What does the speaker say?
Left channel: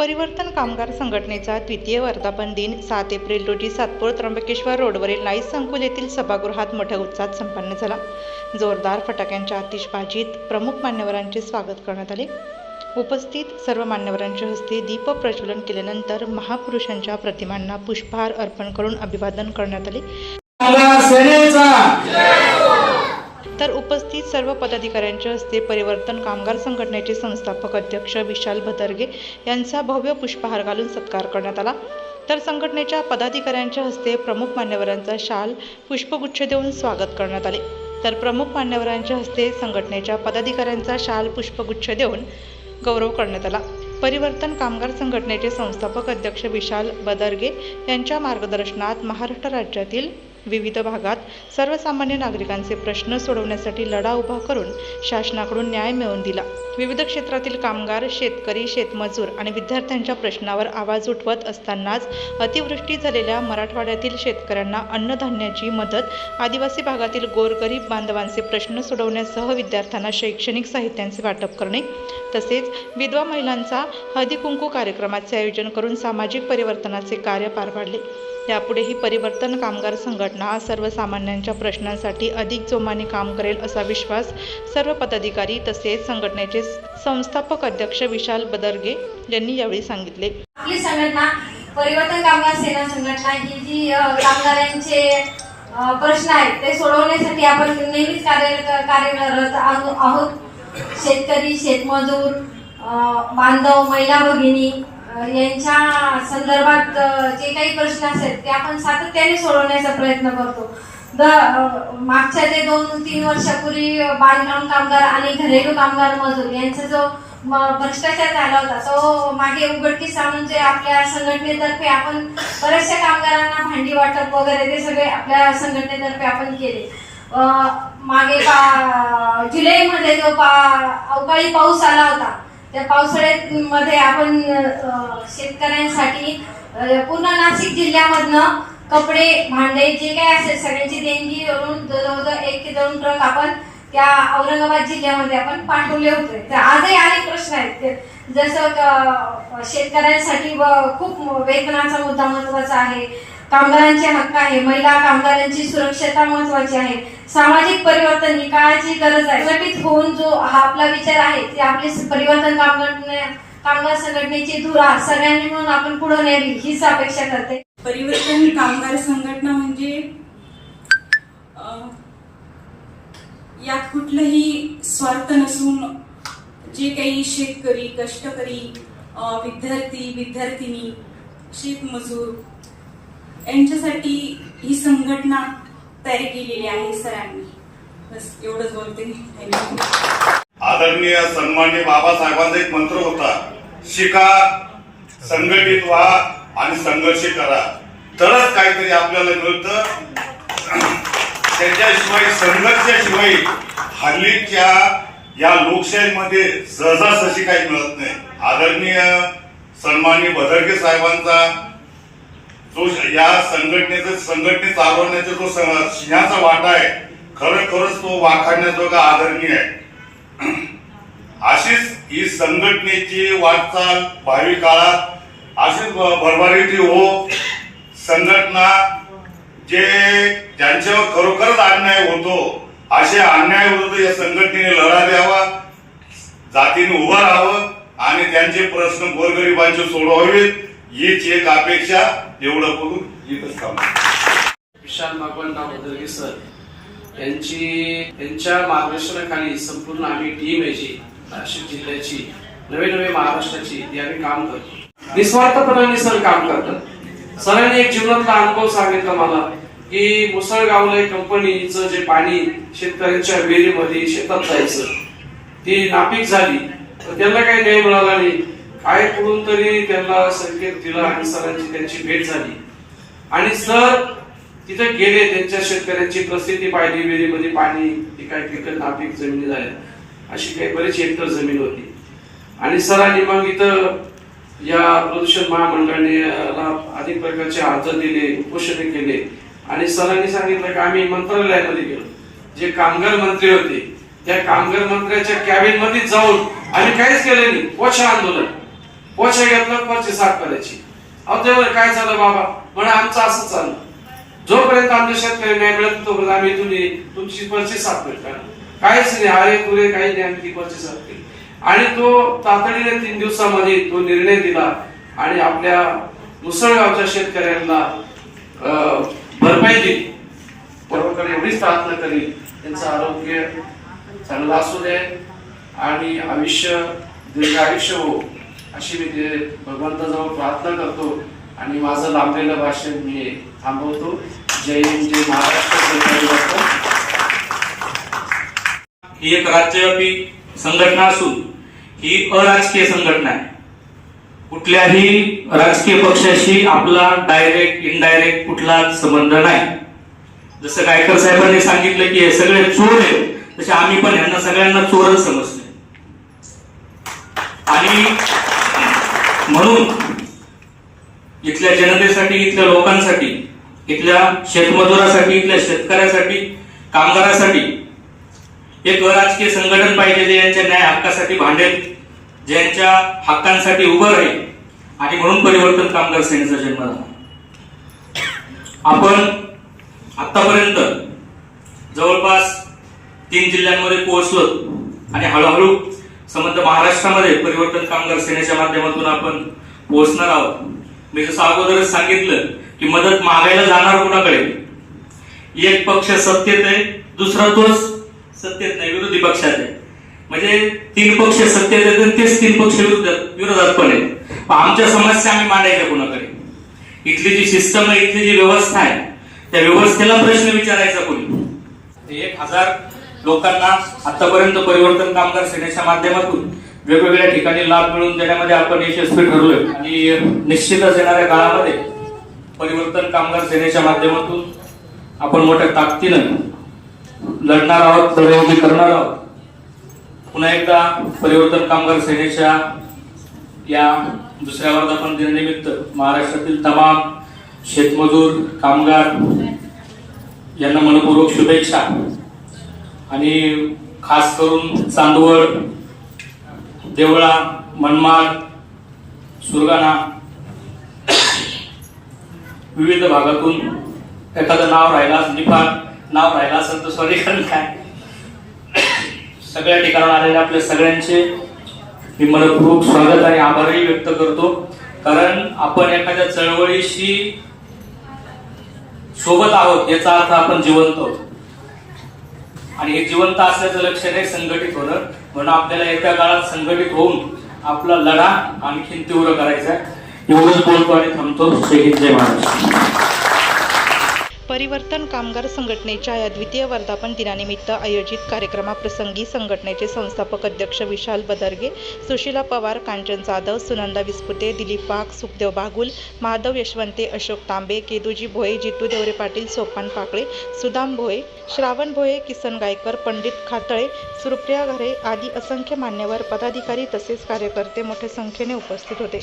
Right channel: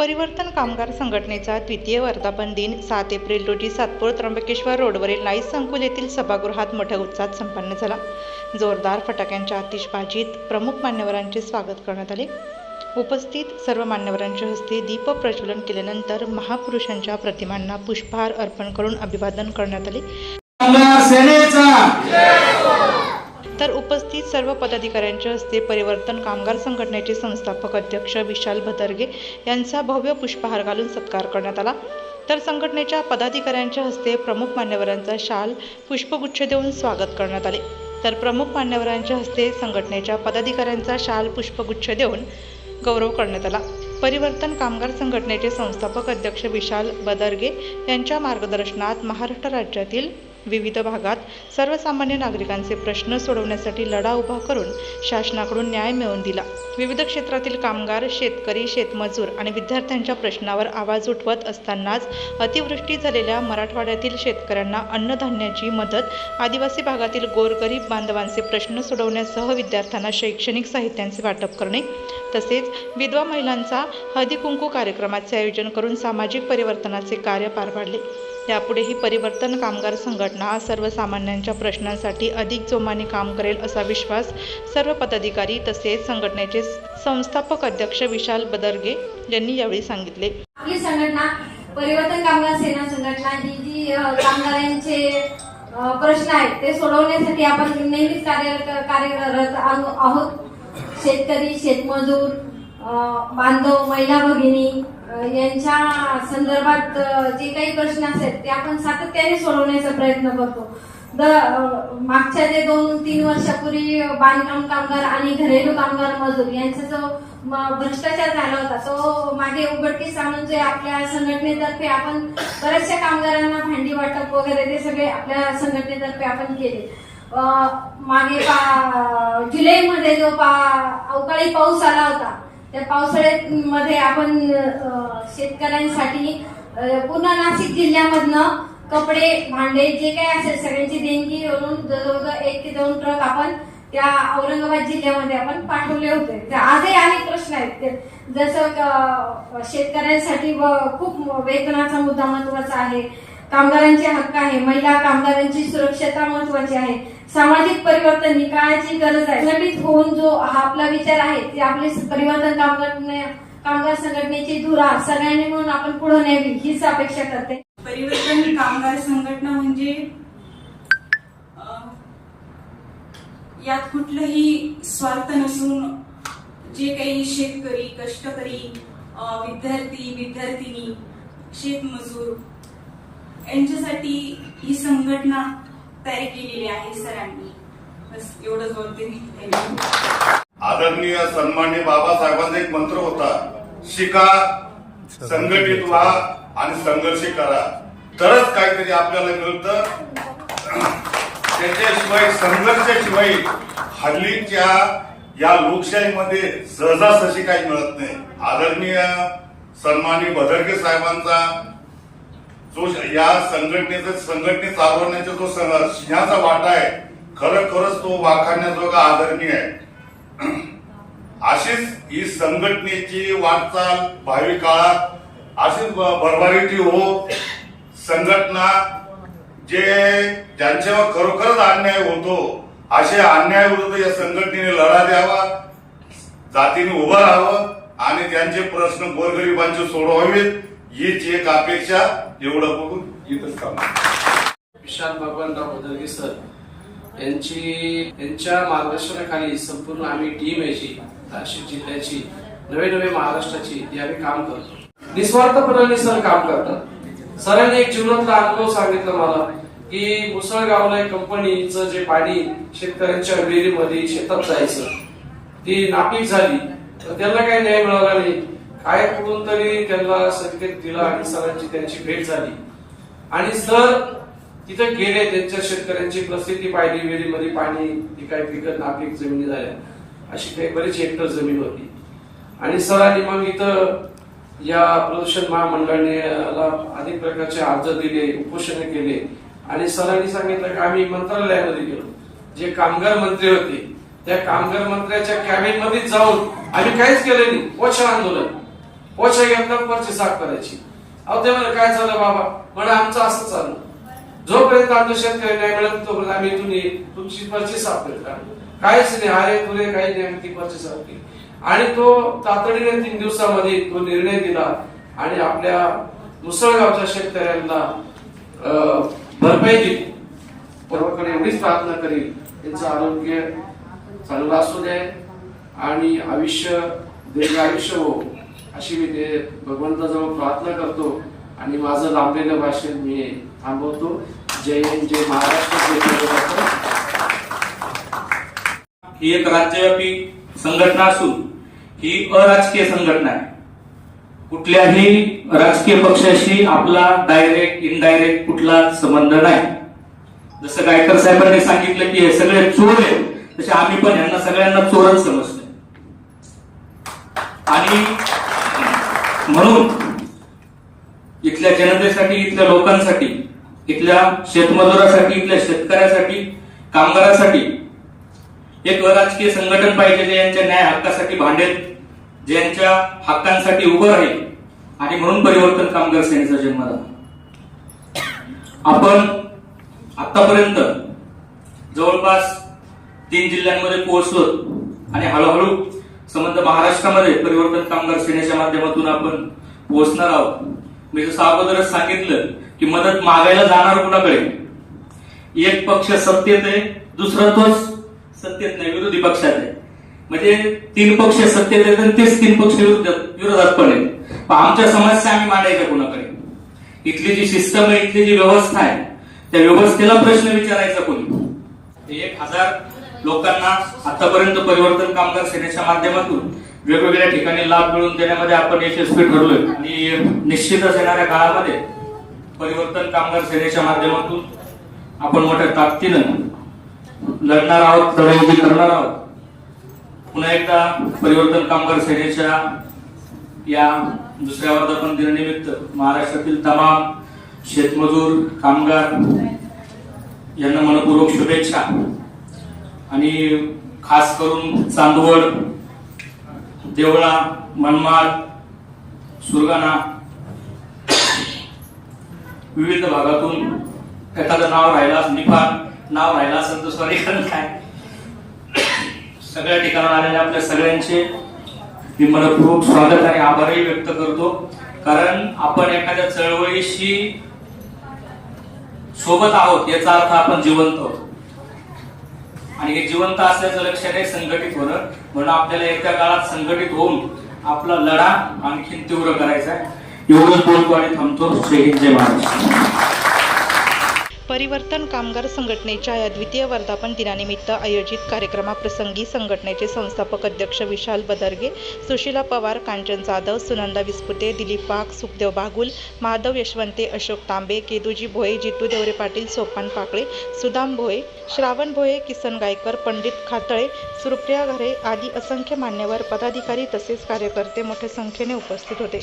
परिवर्तन कामगार संघटनेचा द्वितीय वर्धापन दिन 7 एप्रिल रोजी सातपूर त्र्यंबकेश्वर रोडवरील नाईस संकुल येथील सभागृहात मोठ्या उत्साहात संपन्न झाला। जोरदार फटाक्यांच्या आतिषबाजीत प्रमुख मान्यवरांचे स्वागत करण्यात आले। उपस्थित सर्व मान्यवरांच्या हस्ते दीप प्रज्वलन केल्यानंतर महापुरुषांच्या प्रतिमांना पुष्पहार अर्पण करून अभिवादन करण्यात आले। तर उपस्थित सर्व पदाधिकाऱ्यांच्या हस्ते परिवर्तन कामगार संघटनेचे संस्थापक अध्यक्ष विशाल भदरगे यांचा भव्य पुष्पहार घालून सत्कार करण्यात आला। तर संघटनेच्या पदाधिकाऱ्यांच्या हस्ते प्रमुख मान्यवरांचा शाल पुष्पगुच्छ देऊन स्वागत करण्यात आले। तर प्रमुख मान्यवरांच्या हस्ते संघटनेच्या पदाधिकाऱ्यांचा शाल पुष्पगुच्छ देऊन गौरव करण्यात आला। परिवर्तन कामगार संघटनेचे संस्थापक अध्यक्ष विशाल भदरगे यांच्या मार्गदर्शनात महाराष्ट्र राज्यातील विविध भागात सर्वसामान्य नागरिकांचे प्रश्न सोडवण्यासाठी लढा उभा करून शासनाकडून न्याय मिळवून दिला। विविध क्षेत्रातील कामगार, शेतकरी, शेतमजूर आणि विद्यार्थ्यांच्या प्रश्नावर आवाज उठवत असतानाच अतिवृष्टी झालेल्या मराठवाड्यातील शेतकऱ्यांना अन्नधान्याची मदत, आदिवासी भागातील गोरगरीब बांधवांचे प्रश्न सोडवण्यासह विद्यार्थ्यांना शैक्षणिक साहित्यांचे वाटप करणे, तसेच विधवा महिलांचा हळदी-कुंकू कार्यक्रमाचे आयोजन करून सामाजिक परिवर्तनाचे कार्य पार पाडले। यापुढेही परिवर्तन कामगार संघटना सर्वसामान्यांच्या प्रश्नांसाठी अधिक जोमाने काम करेल असा विश्वास सर्व पदाधिकारी तसेच संघटनेचे संस्थापक अध्यक्ष विशाल भदरगे यांनी यावेळी सांगितले। आपली संघटना परिवर्तन कामगार सेना संघटना ही जी कामगारांचे प्रश्न आहेत ते सोडवण्यासाठी आपण नेहमीच कार्यरत आहोत। शेतकरी, शेतमजूर, बांधव, महिला भगिनी यांच्या संदर्भात जे काही प्रश्न असतात ते आपण सातत्याने सोडवण्याचा प्रयत्न करतो। मागच्या जे 2-3 वर्षापूर्वी बांधकाम कामगार आणि घरेलू कामगार मजूर यांचा जो भ्रष्टाचार झाला होता तो मागे उघडकीस आणून जे आपल्या संघटनेतर्फे आपण बऱ्याचशा कामगारांना भांडी वाटप वगैरे ते सगळे आपल्या संघटनेतर्फे आपण केले। मागे जुलैमध्ये जो अवकाळी पाऊस आला होता त्या पावसाळ्यामध्ये आपण शेतकऱ्यांसाठी पूर्ण नाशिक जिल्ह्यामधनं कपडे, भांडे जे काही असेल सगळ्यांची देणगी करून जवळजवळ 1 ते 2 ट्रक आपण त्या औरंगाबाद जिल्ह्यामध्ये आपण पाठवले होते। आजही अनेक प्रश्न आहेत, जसं शेतकऱ्यांसाठी खूप वेतनाचा मुद्दा महत्वाचा आहे, कामगारांचे हक्क आहे, महिला कामगारांची सुरक्षता महत्वाची आहे, सामाजिक परिवर्तन ही काळाची गरज आहे। संघटित होऊन जो हा आपला विचार आहे ते आपली परिवर्तन कामगार संघटनेची धुरा सगळ्यांनी म्हणून आपण पुढे न्यावी हीच अपेक्षा करते। परिवर्तन कामगार संघटना म्हणजे यात कुठलंही स्वार्थ नसून जे काही शेतकरी, कष्टकरी, विद्यार्थी, विद्यार्थिनी, शेतमजूर यांच्यासाठी ही संघटना तयार केलेली आहे सरांनी। बस एवढंच बोलते। आदरणीय सन्माननीय बाबासाहेबांचा एक मंत्र होता, शिका, संघटित व्हा आणि संघर्ष करा, तरच काहीतरी आपल्याला मिळतं। त्याच्याशिवाय संघर्षाशिवाय हल्लीच्या या लोकशाहीमध्ये सहजासहजी काही मिळत नाही। आदरणीय सन्माननीय भदरगे साहेबांचा जो या संघटने चालवण्याचा जो सिंहाचा वाटा आहे खरंच तो वाखाणण्याजोगा आदरणीय आहे। अशीच ही संघटनेची वाटचाल भावी काळात अशीच भरभराटी हो। संघटना ज्यांच्यावर खरोखरच अन्याय होतो अशा अन्यायाविरुद्ध या संघटनेने लढा द्यावा, जातीने उभं राहावं आणि त्यांचे प्रश्न गोरगरिबांचे सोडवावेत हीच एक अपेक्षा। एवढं बोलून इथंच थांबतो। विशाल भदरगे सर यांच्या मार्गदर्शनाखाली संपूर्ण आम्ही टीम आहे जी नाशिक जिल्ह्याची नवे महाराष्ट्राची आम्ही काम करतो। निस्वार्थपणाने सर काम करतात। सरांनी एक जीवनातला अनुभव सांगितला मला की मुसळगावला कंपनीचं जे पाणी शेतकऱ्यांच्या विहिरीमध्ये शेतात जायचं ती नापीक झाली, त्यांना काही न्याय मिळाला नाही। काय कुठून तरी त्यांना संकेत दिला आणि सरांची त्यांची भेट झाली आणि सर तिथे गेले, त्यांच्या शेतकऱ्यांची परिस्थिती पाहिली, विहिरीमध्ये पाणी, ती काही पिकत नापीक जमिनी झाल्या, अशी काही बरीच हेक्टर जमीन होती आणि सरांनी मग इथं या प्रदूषण महामंडळाला अनेक प्रकारचे अर्ज दिले, उपोषण केले आणि सरांनी सांगितलं की आम्ही मंत्रालयामध्ये गेलो, जे कामगार मंत्री होते त्या कामगार मंत्र्याच्या कॅबिन मध्ये जाऊन आम्ही काहीच केलं नाही, पोषण आंदोलन पोछे घेतलं पर्ची साफ करायची. अहो ते म्हणे, काय झालं बाबा? म्हणे आमचं असं चाललं, जोपर्यंत आमच्या शेतकरी नाही मिळत तोपर्यंत आम्ही तुमची पर्ची साफ करतो. काहीच नाही, अरे तुरे काही नाही, आम्ही ती पर्ची साफ केली. आणि तो तातडीने 3 दिवसामध्ये तो निर्णय दिला आणि आपल्या मुसळगावच्या शेतकऱ्यांना भरपाई दिली. बरोबर एवढीच प्रार्थना करी त्यांचं आरोग्य चांगलं असू दे आणि आयुष्य दीर्घ आयुष्य हो अशी मी भगवंताजवळ प्रार्थना करतो आणि माझं लांबलेलं भाषण मी थांबवतो. जय हिंद, जय महाराष्ट्र. ही एक राज्यव्यापी संघटना असून ही अराजकीय संघटना आहे. कुठल्याही राजकीय पक्षाशी आपला डायरेक्ट इनडायरेक्ट कुठला संबंध नाही. जसं गायकर साहेबांनी सांगितलं की हे सगळे चोर आहेत, तसे आम्ही पण यांना सगळ्यांना चोरच समजतो. आणि म्हणून इथल्या जनतेसाठी, इथल्या लोकांसाठी, इथल्या शेतमजुरासाठी, इथल्या शेतकऱ्यासाठी, कामगारासाठी एक अराजकीय संघटन पाहिजे जे यांच्या न्याय हक्कासाठी भांडेल, जे यांच्या हक्कांसाठी उभं राहील. आणि म्हणून परिवर्तन कामगार सेनेचा जन्म झाला. आपण आतापर्यंत जवळपास 3 जिल्ह्यांमध्ये पोहोचलो आणि हळूहळू संबंध महाराष्ट्रामध्ये परिवर्तन कामगार सेनेच्या माध्यमातून आपण पोहोचणार आहोत. मी जसं अगोदरच सांगितलं की मदत मागायला जाणार कोणाकडे? एक पक्ष सत्तेत आहे, दुसरा तोच सत्तेत नाही, विरोधी पक्षात आहे. म्हणजे 3 पक्ष सत्तेत आहेत आणि तेच 3 पक्ष विरोधात पण आहेत. आमच्या समस्या आम्ही मांडायच्या कोणाकडे? इथली जी सिस्टम आहे, इथली जी व्यवस्था आहे, त्या व्यवस्थेला प्रश्न विचारायचा कोणी? 1000 लोकांना आतापर्यंत परिवर्तन कामगार सेनेच्या माध्यमातून वेगवेगळ्या ठिकाणी लाभ मिळवून देण्यामध्ये आपण यशस्वी ठरलोय. आणि निश्चितच येणाऱ्या काळामध्ये परिवर्तन कामगार सेनेच्या माध्यमातून आपण मोठ्या ताकदीनं लढणार आहोत, लढाई करणार आहोत. पुन्हा एकदा परिवर्तन कामगार सेनेच्या या दुसऱ्या वर्धापन दिनानिमित्त महाराष्ट्रातील तमाम शेतमजूर, कामगार यांना मनपूर्वक शुभेच्छा. आणि खास करून चांदवड, देवळा, मनमाड, सुरगाणा विविध भागातून एखादं नाव राहिला, निफाड नाव राहिला असेल तर सॉरी, कारण काय सगळ्या ठिकाणी आलेल्या आपल्या सगळ्यांचे मी मनपूर्वक स्वागत आणि आभारही व्यक्त करतो. कारण आपण एखाद्या चळवळीशी सोबत आहोत याचा अर्थ आपण जिवंत आहोत. आणि हे जिवंत असल्याचं लक्षण आहे संघटित होणं. म्हणून आपल्याला येत्या काळात संघटित होऊन आपला लढा आणखी तीव्र करायचा. एवढंच बोलतो आणि थांबतो. जय हिंद, जय महाराष्ट्र. परिवर्तन कामगार संघटनेच्या या द्वितीय वर्धापन दिनानिमित्त आयोजित कार्यक्रमाप्रसंगी संघटनेचे संस्थापक अध्यक्ष विशाल बदरगे, सुशीला पवार, कांचन जाधव, सुनंदा विस्पुते, दिलीप वाघ, सुखदेव बागुल, माधव यशवंते, अशोक तांबे, केदूजी भोये, जितू देवरे पाटील, सोपान पाकळे, सुदाम भोये, श्रावण भोये, किसन गायकर, पंडित खातळे, सुरप्रिया घरे आदी असंख्य मान्यवर, पदाधिकारी तसेच कार्यकर्ते मोठ्या संख्येने उपस्थित होते.